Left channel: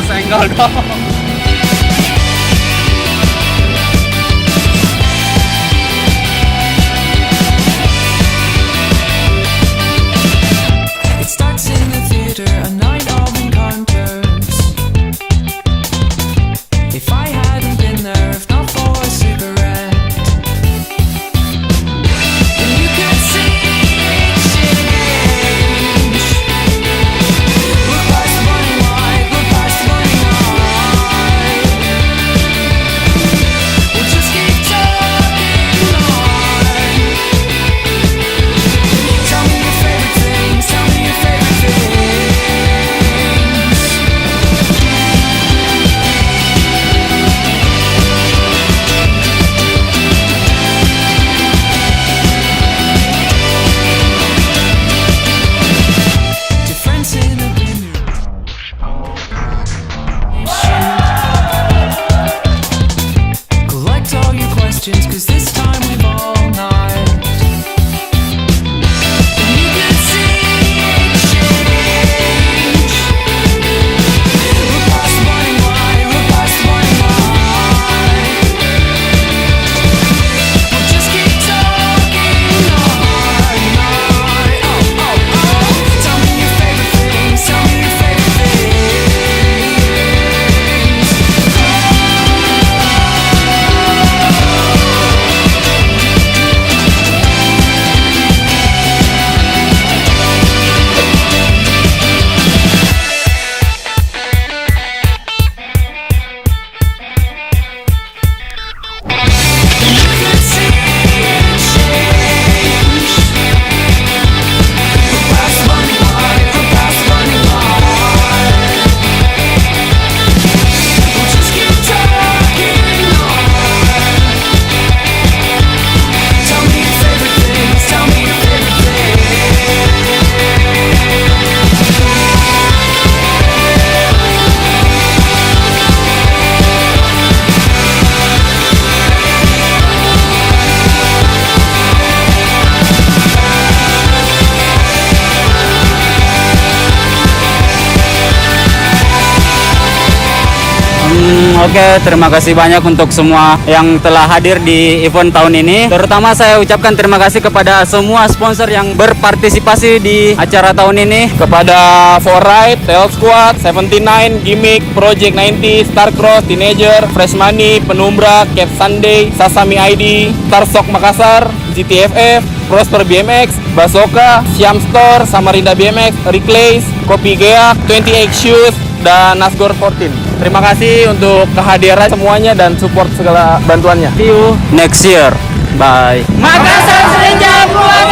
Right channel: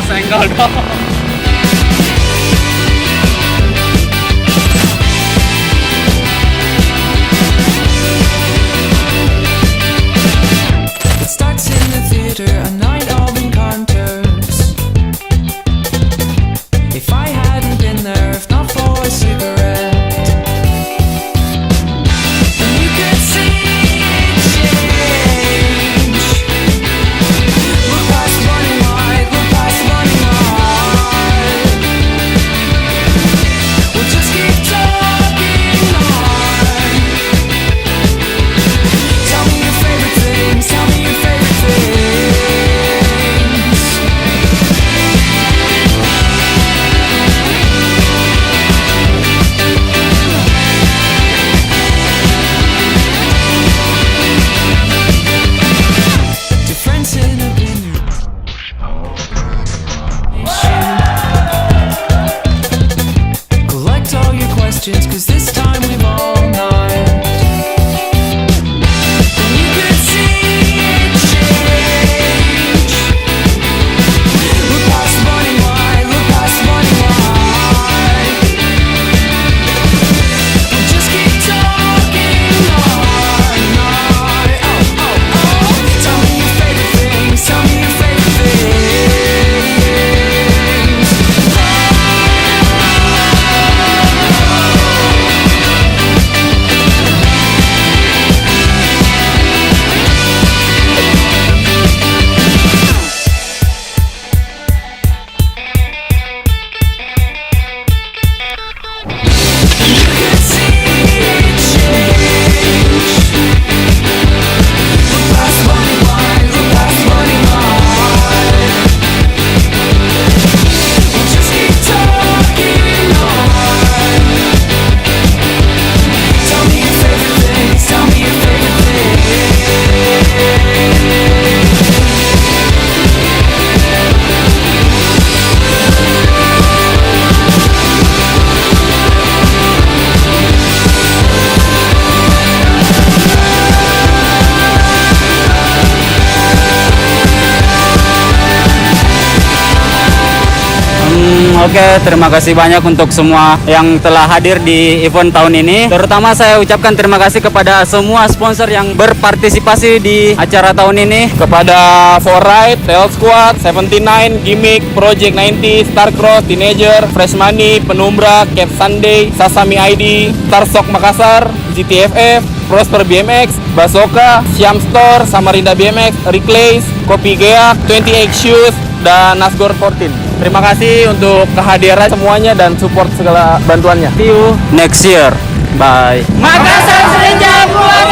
senggol dong. It starts in the theater, a night of encounters. If I hadn't been there, if not for a cigarette, then you could see it change. Look past money wide, look past money wide. We'll just keep talking on. Tell me your favorite things, tell me your favorite things. Difference in opinion. Collect all your questions, 'cause this time we've all night. And you could see it change. Look past money wide, look past money wide. We'll just keep talking on. Oh, oh, oh. Tell me your favorite things, tell me your favorite things. You could see it change. Look past money wide, look past money wide. We'll just keep talking on. Tell me your favorite things, tell me your favorite things. Oke, terima kasih banyak untuk semua yang telah hadir di event tahun ini. Terutama saya ucapkan terima kasih kepada semua sponsor yang berpartisipasi di acara tahun ini. Kepada Forride, Tail Squad, 79, Gimmick, Project 90, Starcross, Teenager, Fresh Money, Penumbra, Cap Sunday, Sasami ID, Starshock Makassar, GTFF, Prosper BMX, Basoka, Siam Store, Samarinda BMX, Reclays, Kopi Geak, 28 Shoes, dan Nasgor 14. Terima kasih untuk kehadiran semuanya dan support segala bantuannya. See you next year. Bye. Makassar Senja Keluarga.